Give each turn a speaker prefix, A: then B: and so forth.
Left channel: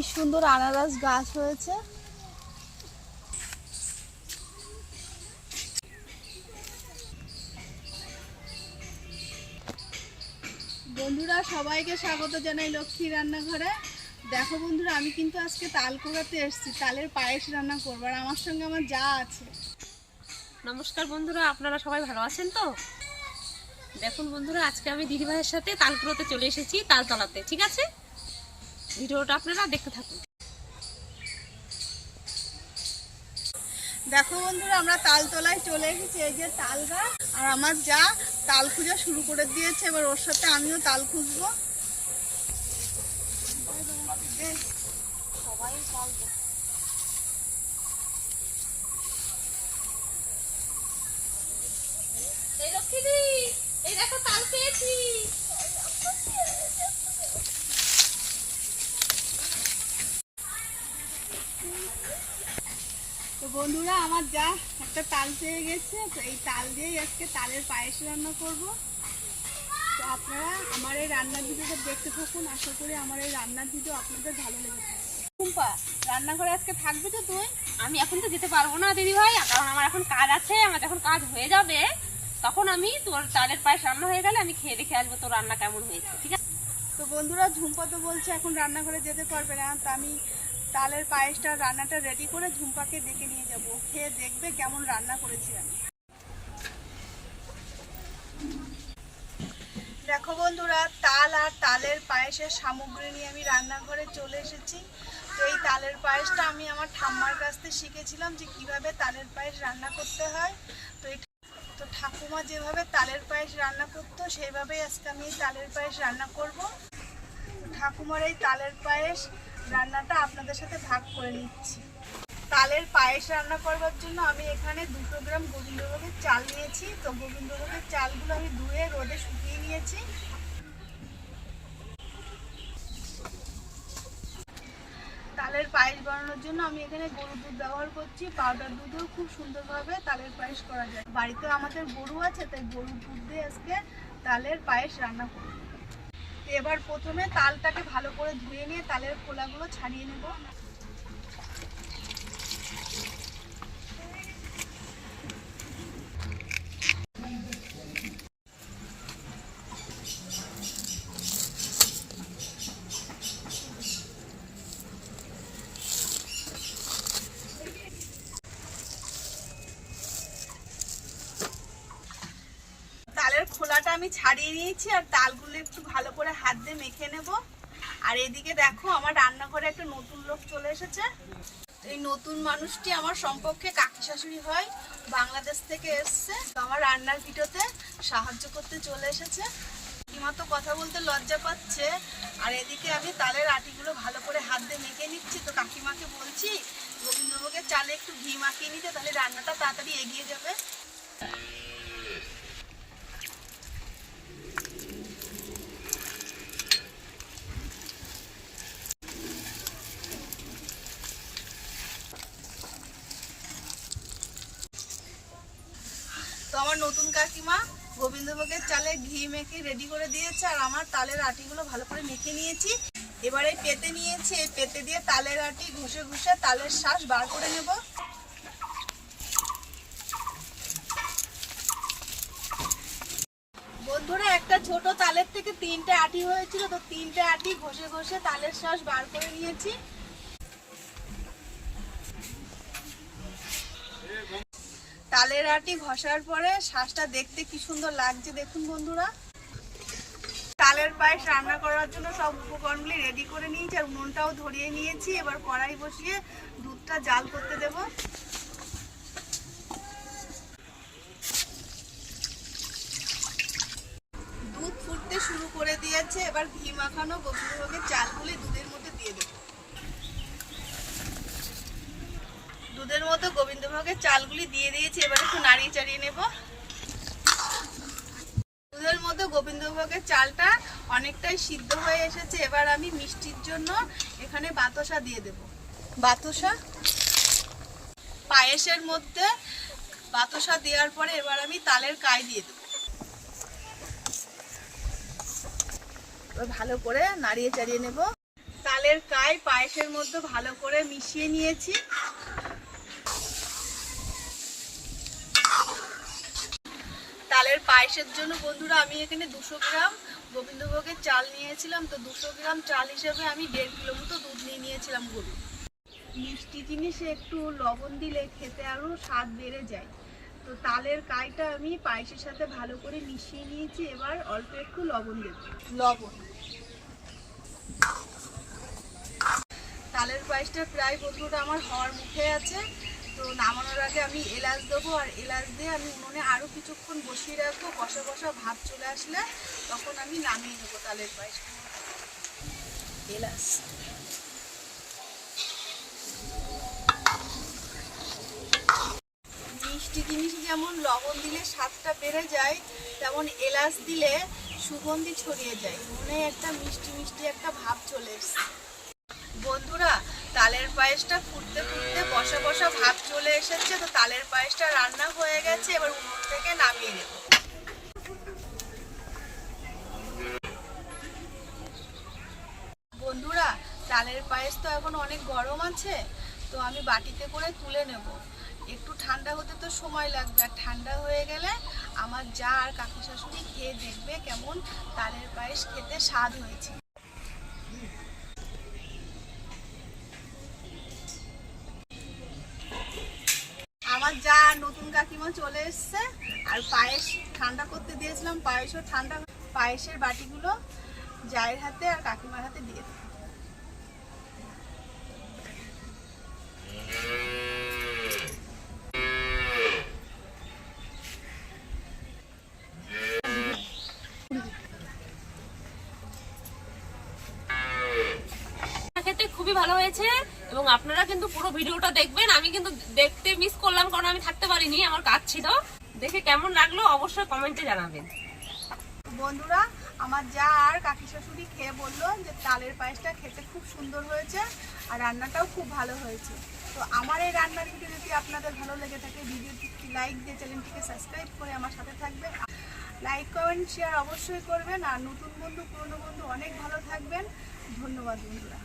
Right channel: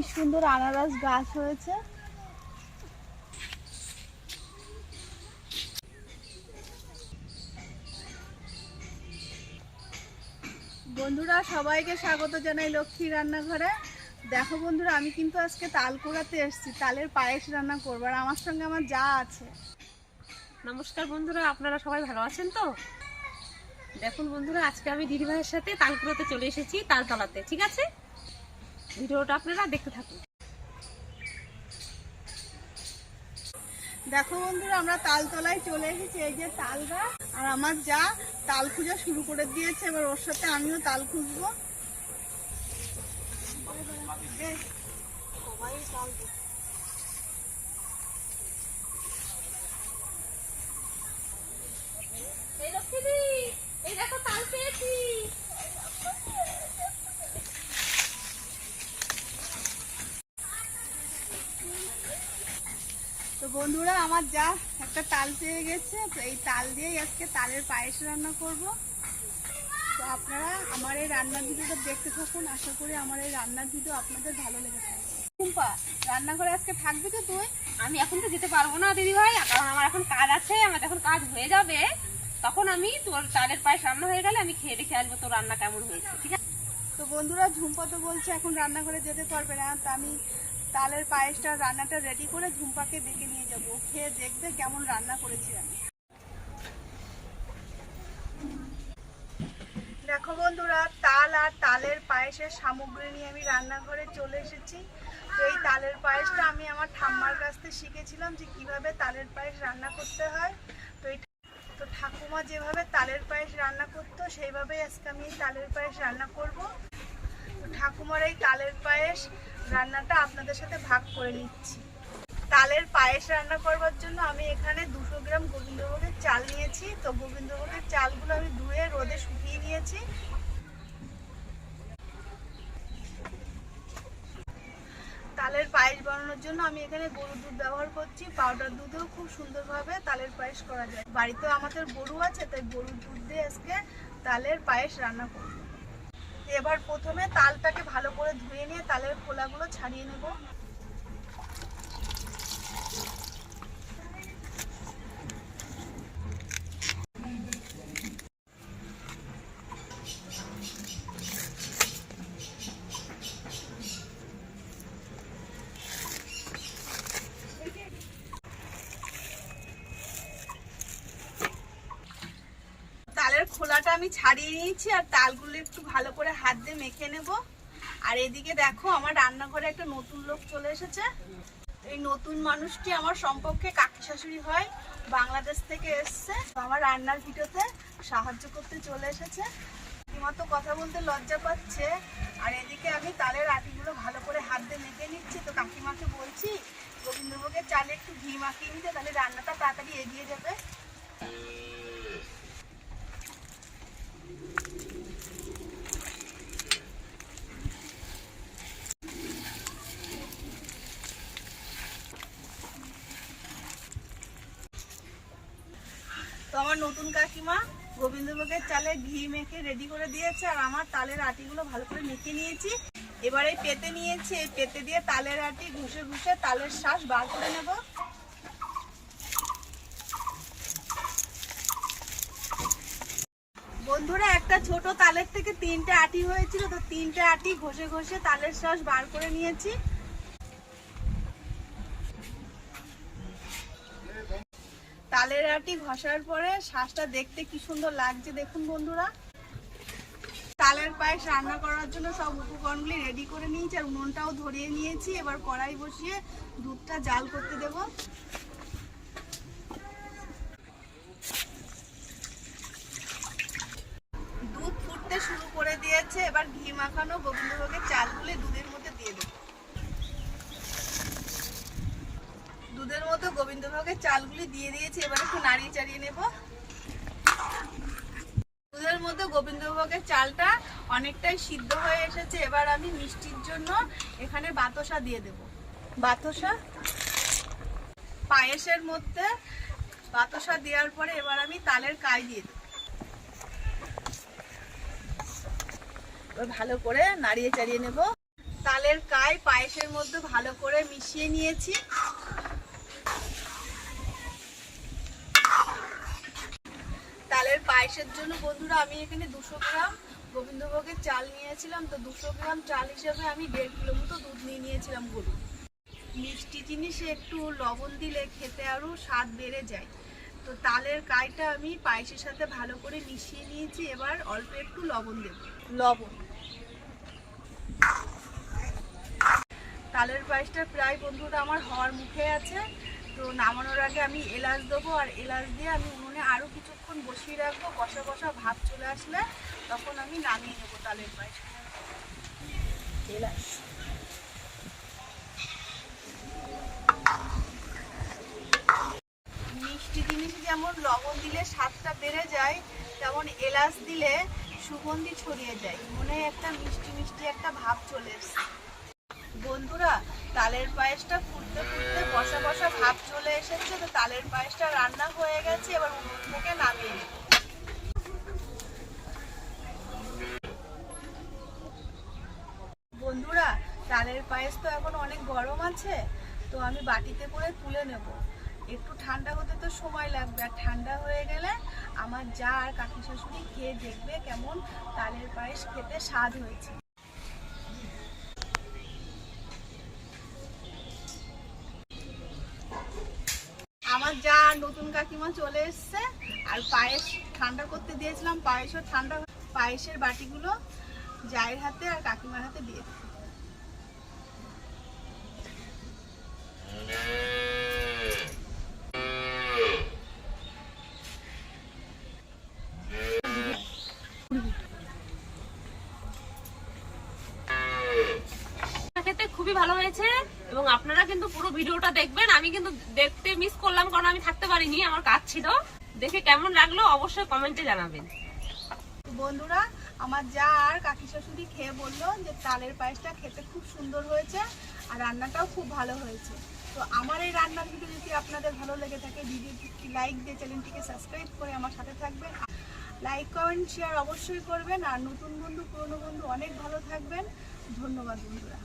A: কি সুন্দর আনারস গাছ হয়েছে। বন্ধুরা, সবাইকে স্বাগত জানাই লক্ষ্মী রান্নাঘরে। দেখো বন্ধুরা, আমি কিন্তু আজকে তাল কোড়াতে এসেছি, তালের পায়েস রান্না করব, আর আমার সঙ্গে আমার যা আছে।
B: নমস্কার বন্ধুরা, আপনারা সবাই ভালো আছেন তো? দেখুন বন্ধুরা, আজকে আমি দিদিভাইয়ের সাথে তালকুড়োতে চলে এসেছি তালতলাতে ঠিক আছে? ভিডিওটা আপনারা দেখতে থাকুন।
A: দেখো বন্ধুরা আমরা তালতলায় চলে এসেছি এই যে তাল গাছ আর আমার যা তাল খুঁজা শুরু করে দিয়েছে এবার ওর সাথে আমিও তাল খুঁজবো। এই,
B: দেখো তাল পেয়েছি।
A: বন্ধুরা আমার যা একটা তাল পেয়ে গেছে তো এই তাল দিয়েই আজকে তালের পায়েস রান্না করব। তো আপনারা আমার এই রান্নার ভিডিওটা দেখতে থাকুন আশা করি আমার এই রান্নার ভিডিও আপনাদের ভালো লেগে থাকবে। টুম্পা রান্নাঘরে আজকে থাকবে তো তুই?
B: আমি এখন তো যেতে পারব না দিদিভাই কারণ আমার এখন কাজ আছে আমার যখন কাজ হয়ে যাবে তখন আমি তোর তালের পায়েস রান্না হয়ে গেলে আমি খেয়ে দেখে আসব তোর রান্না কেমন হয়েছে ঠিক আছে?
A: তো বন্ধুরা ঝুম্পা তো বলছে এখন রান্নাঘরে যেতে পারবে না তো আমি তালের পায়েসটা রান্নাটা রেডি করে ঝুম্পাকে ডেকে নিয়ে যাব। খেয়ে দেখবে কেমন রান্না করেছি আমি। দেখো বন্ধুরা, তাল আর তালের পায়েসের সামগ্রী নিয়ে আমি রান্নাঘরে চলে এসেছি। তো এই তালের পায়েসটা আমি আমার ঠাম্মার কাছ থেকে শিখেছিলাম যে কীভাবে তালের পায়েস রান্না করতে হয়। তো এই তো ঠাকুমা যেভাবে তালের পায়েস রান্না করতো, সেইভাবেই আজকে আমি তালের পায়েস রান্না করব। তো ঠাকুমার এই তালের পায়েস রান্নাটা আপনাদের সাথে ভাগ করে নিচ্ছি। তালের পায়েস রান্না করবার জন্য আমি এখানে দুশো গ্রাম গোবিন্দভোগের চাল নিয়েছি। তো গোবিন্দভোগের চালগুলো আমি ধুয়ে রোদে শুকিয়ে নিয়েছি। তালের পায়েস বানানোর জন্য আমি এখানে গরুর দুধ ব্যবহার করছি। পাউডার দুধেও খুব সুন্দরভাবে তালের পায়েস করা যায়। বাড়িতে আমাদের গরু আছে, তাই গরুর দুধ দিয়ে আজকে তালের পায়েস রান্না করব। এবার প্রথমে তালটাকে ভালো করে ধুয়ে নিয়ে তালের খোলাগুলো ছাড়িয়ে নেব তালের খোলাটা আমি ছাড়িয়ে নিয়েছি আর তালগুলো একটু ভালো করে হাত দিয়ে মেখে নেব। আর এদিকে দেখো, আমার রান্নাঘরে একটা নতুন লোক চলে এসেছে। এই নতুন মানুষটি আমার সম্পর্কে কাকি শাশুড়ি হয়, বাংলাদেশ থেকে এসছে। আমার রান্নার ভিডিওতে সাহায্য করতে চলে এসেছে। মতো কথা বলতে লজ্জা পাচ্ছে। আর এদিকে আমি তালের আটিগুলো ভালো করে হাত দিয়ে মেখে নিচ্ছি। তো কাকিমাকে বলছি গোবিন্দভোগের চালে একটু ঘি মাখিয়ে নিতে, তাহলে রান্নাটা তাড়াতাড়ি এগিয়ে যাবে। আমার নতুন কাকিমা গোবিন্দভোগের চালে ঘি মেখে রেডি করে দিয়েছে আর আমার তালের আটিগুলো ভালো করে মেখে নিয়েছি। এবারে পেতে নিয়েছি, এই পেতে দিয়ে তালের আটি ঘুষে ঘুষে তালের শ্বাস বার করে নেব। বন্ধুরা, একটা ছোট তালের থেকে তিনটে আটি হয়েছিল, তো তিনটে আটি ঘষে ঘষে তালের শ্বাস বার করে নিয়েছি। তালের আটি ঘষার পরে শ্বাসটা দেখতে কি সুন্দর লাগছে দেখুন বন্ধুরা। তালের পায়েস রান্না করার জন্য সব উপকরণগুলি রেডি করে নিয়েছি আর উনুনটাও ধরিয়ে নিয়েছি। এবার কড়াই বসিয়ে দুধটা জাল করতে দেব। দুধ ফুটতে শুরু করে দিয়েছে। এবার ঘি মাখানো গোবিন্দভোগের চালগুলি দুধের মধ্যে দিয়ে দেবো দুধের মতো গোবিন্দভোগের চালগুলি দিয়ে দিয়েছি এবার একটু নাড়িয়ে চাড়িয়ে নেব। দুধের মতো গোবিন্দভোগের চালটা অনেকটাই সিদ্ধ হয়ে এসেছে এবার আমি মিষ্টির জন্য এখানে বাতাসা দিয়ে দেব। বাতাসা? পায়েসের মধ্যে বাতাসা দেওয়ার পরে এবার আমি তালের কাই দিয়ে দেবো। ভালো করে নাড়িয়ে চাড়িয়ে নেব। তালের কাই পায়েসের মধ্যে ভালো করে মিশিয়ে নিয়েছি। তালের পায়েসের জন্য বন্ধুরা আমি এখানে দুশো গ্রাম গোবিন্দভোগের চাল নিয়েছিলাম। তো দুশো গ্রাম চাল হিসেবে আমি দেড় কিলো মতো দুধ নিয়ে নিয়েছিলাম গরু মিষ্টি জিনিসে একটু লবণ দিলে খেতে আরও স্বাদ বেড়ে যায়। তো তালের কাইটা আমি পায়েসের সাথে ভালো করে মিশিয়ে নিয়েছি। এবার অল্প একটু লবণ দেব। লবণ। তালের পায়েসটা প্রায় বন্ধুটা আমার হওয়ার মুখে আছে। তো নামানোর আগে আমি এলাচ দেবো আর এলাচ দিয়ে আমি উনুনে আরও কিছুক্ষণ বসিয়ে রাখব। কষা কষা ভাব চলে আসলে তখন আমি নামিয়ে নেব তালের পায়েস। এলাচ। মিষ্টি জিনিস যেমন লবণ দিলে স্বাদটা বেড়ে যায় তেমন এলাচ দিলে সুগন্ধি ছড়িয়ে যায়। মনে একটা মিষ্টি মিষ্টি একটা ভাব চলে এসছে। বন্ধুরা তালের পায়েসটা ফুটতে ফুটতে বসা বসা ভাব চলে এসেছে, তো তালের পায়েসটা রান্না হয়ে গেছে, এবার উনুন থেকে নামিয়ে নেব। বন্ধুরা, তালের পায়েস তো এখন অনেক গরম আছে, তো আমি বাটিতে করে তুলে নেব। একটু ঠান্ডা হতে তো সময় লাগবে, আর ঠান্ডা হয়ে গেলে আমার যা আর কাকি শাশুড়ি খেয়ে দেখবে কেমন তালের পায়েস খেতে স্বাদ হয়েছে। আমার যা নতুন কাকিমা চলে এসছে, আর পায়েস ঠান্ডা করতে দিয়েছিলাম, পায়েসও ঠান্ডা পায়েসের বাটিগুলো জায়ের হাতে আর কাকিমার হাতে দিয়ে দেবো
B: খুবই ভালো হয়েছে। এবং আপনারা কিন্তু পুরো ভিডিওটা দেখবেন। আমি কিন্তু দেখতে মিস করলাম কারণ আমি থাকতে পারিনি, আমার কাজ ছিল। দেখে কেমন লাগল অবশ্যই কমেন্টে জানাবেন।
A: বন্ধুরা, আমার যা আর কাকি শাশুড়ি খেয়ে বলল যে তালের পায়েসটা খেতে খুব সুন্দর হয়েছে আর রান্নাটাও খুব ভালো হয়েছে। তো আমার এই রান্নার ভিডিও যদি আপনাদের ভালো লেগে থাকে ভিডিওটি লাইক দিয়ে চ্যানেলটিকে সাবস্ক্রাইব করে আমার সাথে থাকবেন। লাইক কমেন্ট শেয়ার অবশ্যই করবেন। আর নতুন বন্ধু, পুরনো বন্ধু, অনেক ভালো থাকবেন। ধন্যবাদ বন্ধুরা।